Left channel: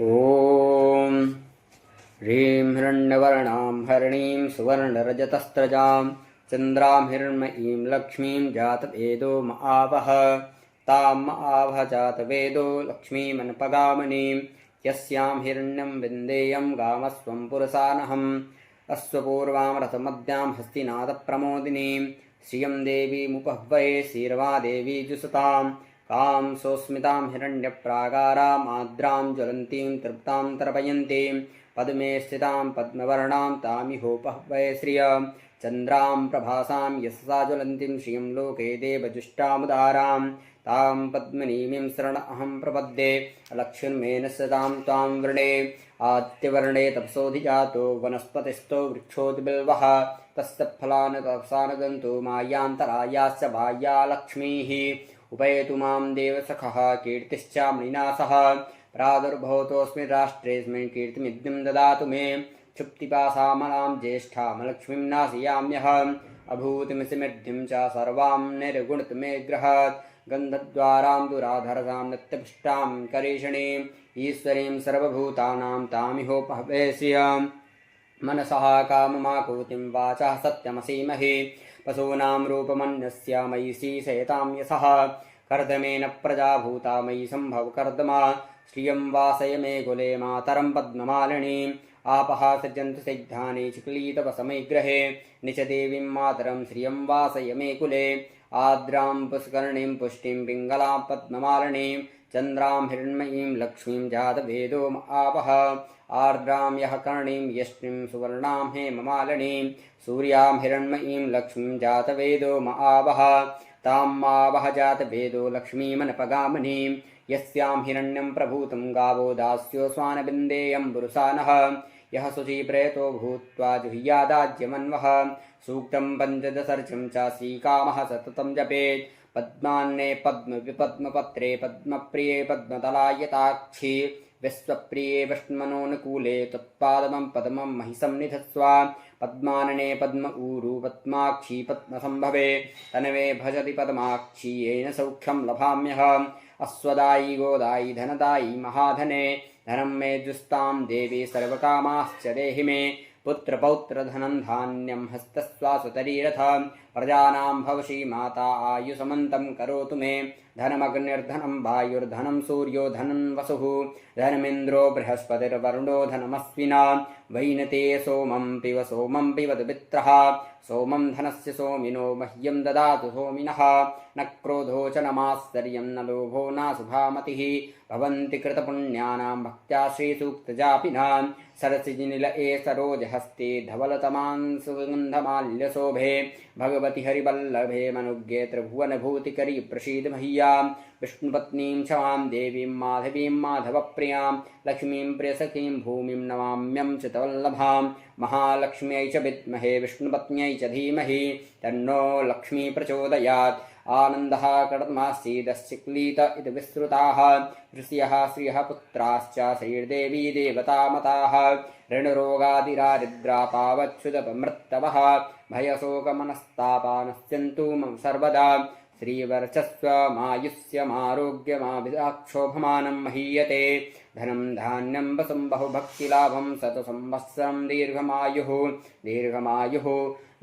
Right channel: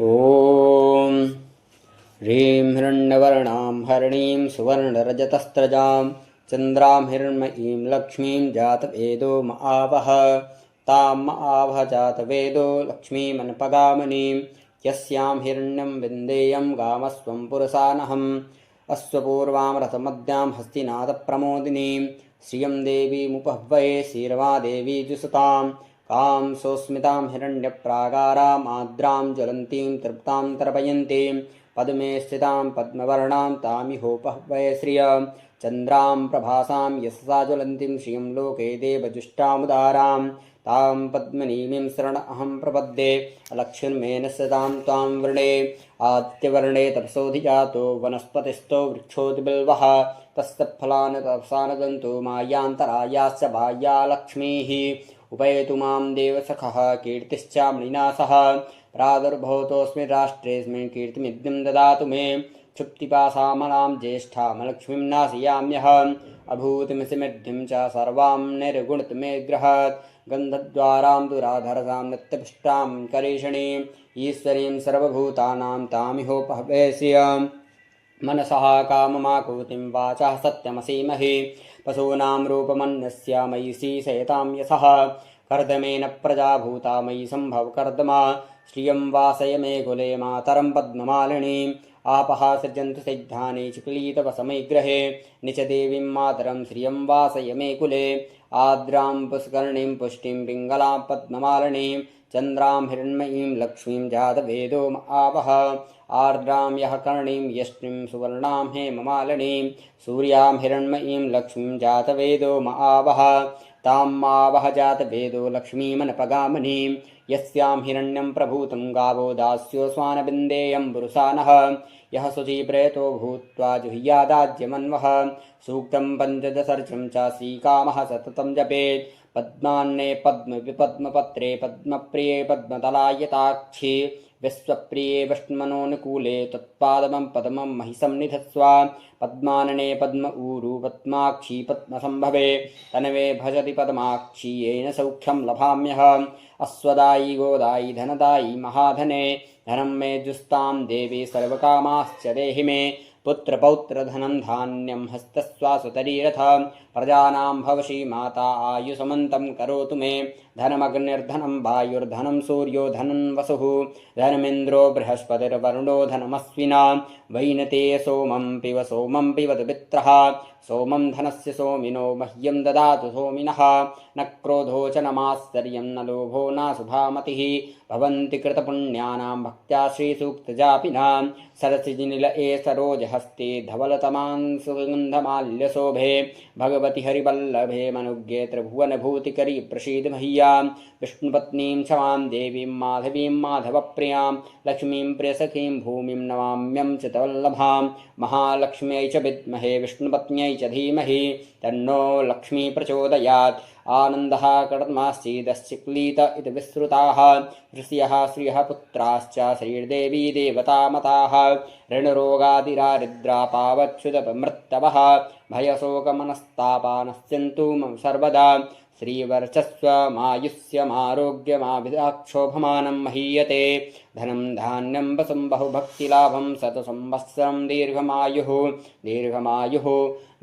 ॐ ह्रीं हिरण्यवर्णां हरिणीं सुवर्णरजतस्रजां चन्द्रां हिरण्मयीं लक्ष्मीं जातवेदो महावः तां महावः जातवेदो लक्ष्मीमनपगामिनीं यस्यां हिरण्यं विन्देयं गामस्वं पुरसानहम् अश्वपूर्वां रथमद्यां हस्तिनाथप्रमोदिनीं श्रियं देवीमुपह्वये श्रीरमा देवी जुषताम् कां सोस्मितां हिरण्यप्राकाराम् आर्द्रां ज्वलन्तीं तृप्तां तर्पयन्तीं पद्मे स्थितां पद्मवर्णां तामिहोपह्वये श्रियं चन्द्रां प्रभासां यशसा ज्वलन्तीं श्रियं लोके देवजुष्टामुदारां तां पद्मनीमीं शरण अहं प्रपद्ये अलक्ष्मीर्मेन सदां त्वां वृणे आदित्यवर्णे तपसोऽधिजातो वनस्पतिस्थो वृक्षोऽतिबिल्वः तस्य फलान् तपसानदन्तु मायान्तरायाश्च बाह्या लक्ष्मीः उपैतु मां देवसखः कीर्तिश्चामणिना सह प्रादुर्भूतोऽस्मि राष्ट्रेऽस्मिन् कीर्तिमिद्यं ददातु मे क्षुप्तिपासामलां ज्येष्ठामलक्ष्मीं नाशयाम्यहम् अभूतिमसिमिद्धिं च सर्वां निर्गुणत मे गृहात् गन्धद्वारां दुराधरसां नित्यपुष्टां करीषणीम् ईश्वरीं सर्वभूतानां तामिहोपह्वये श्रियं मनसः काममाकुतिं वाचः सत्यमसीमहि पशूनां रूपमन्यस्य मयि श्रीशयतां यशः कर्दमेन प्रजा भूता मयि सम्भव कर्दमा श्रियं वासय मे कुले मातरं पद्ममालिनीम् आपः सृजन्तु सिद्धानि चिक्लीतवसमयि गृहे निचदेवीं मातरं श्रियं वासय मे कुले आर्द्रां पुष्करणीं पुष्टिं पिङ्गलां पद्ममालिनीं चन्द्रां हिरण्मयीं लक्ष्मीं जातवेदो आवह आर्द्रां यः कर्णीं यष्टिं सुवर्णां हेममालिनीं सूर्यां हिरण्मयीं लक्ष्मीं जातवेदो महावः तां मावः जातवेदो लक्ष्मीमनपगामिनीं यस्यां हिरण्यं प्रभूतं गावो दास्यो स्वानबिन्देयं पुरुषानः यः शुचिप्रेतो भूत्वा जुह्यादाज्यमन्वः सूक्तं पञ्चदशर्चं च श्रीकामः सततं जपेत् पद्मान्ने पद्मविपद्मपत्रे पद्मप्रिये पद्मतलायताक्षी विश्वप्रिये विष्णुमनोनुकूले तत्पादमं पद्मं महिषं निधत्स्व पद्मानने पद्म ऊरु पद्माक्षी पद्मसम्भवे तनवे भजति पद्माक्षी येन सौख्यं लभाम्यहम् अश्वदायी गोदायी धनदायी महाधने धनं मे जुस्तां देवी सर्वकामाश्च देहि मे पुत्रपौत्रधनं धान्यं हस्तस्वासुतरीरथं प्रजानां भवशी माता आयुषमन्तं करोतु मे धनमग्निर्धनं वायुर्धनं सूर्यो धनं वसुः धनमिन्द्रो बृहस्पतिर्वरुणो धनमस्विना वैनते सोमं पिबतु मित्रः सोमं धनस्य सोमिनो मह्यं ददातु सोमिनः न क्रोधो च न मात्सर्यं न लोभो न शुभामतिः भवन्ति कृतपुण्यानां भक्त्या श्रीसूक्तजापिनां सरसिजनिलये सरोजहस्ते धवलतमान् सुगन्धमाल्यशोभे भगवति हरिवल्लभे मनुज्ञे त्रिभुवनभूतिकरी प्रसीद मह्यां विष्णुपत्नीं क्षमां देवीं माधवीं माधवप्रियां लक्ष्मीं प्रियसखीं भूमिं नमाम्यं चितवल्लभां महालक्ष्म्यै च विद्महे विष्णुपत्न्यै च धीमहि तन्नो लक्ष्मी प्रचोदयात् आनन्दः कर्दमाश्चेदश्चिक्लीत इति विश्रुताः ऋषयः श्रियः पुत्राश्च श्रीर्देवी देवतामताः ऋणरोगादिरारिद्रापावच्छुतमृत्तवः भयशोकमनस्तापा नश्यन्तु मम सर्वदा श्रीवर्चस्वमायुष्यमारोग्यमाभिदाक्षोभमानं महीयते धनं धान्यं वसं बहुभक्तिलाभं शतसंवत्सरं दीर्घमायुः दीर्घमायुः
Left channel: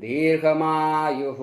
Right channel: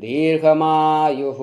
दीर्घमायुः।